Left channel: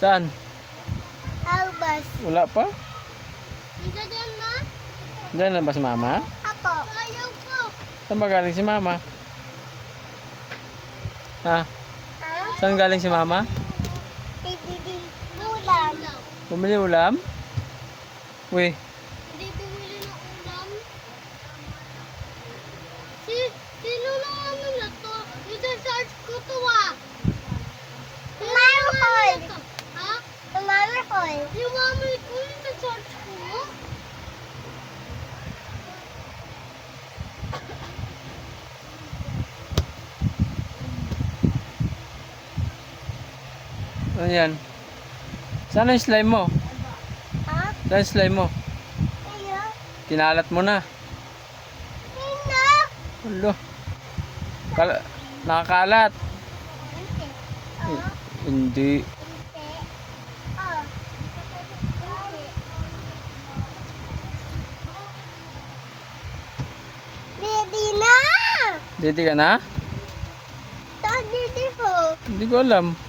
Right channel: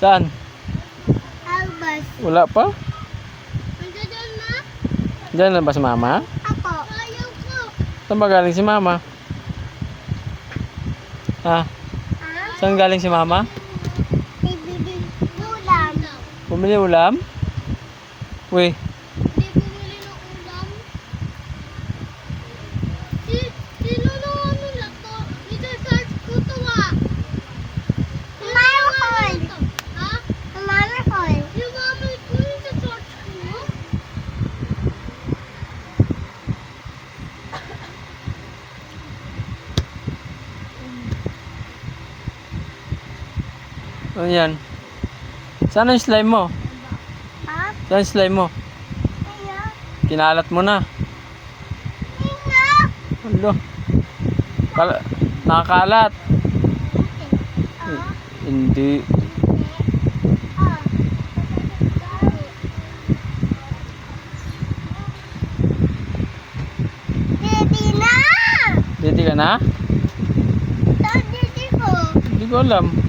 Saan? Albas. Wala pa? Nandiyan na? Diyan na ba si mama? Ako. Ayaw ko. Saan ba galing si mama? Ha? Ha? Saan galing si mama? Bibili ulam. Bumili ulam? Uy, Hindi bumili ng ulam. Sino na ano na to? Isa-search ko to Mami call. Ha? Mami call. Yung mami ko yung isa-search ko? ano yan? Saan ang slime mo? Ha? Saan ang slime mo? Ayaw. Kinalat mo na. Hindi. Ulo. Nakakalat. Ah. Hindi. Ah. Ready na! Ready ka na? Saan dito ko? Hindi ko alam.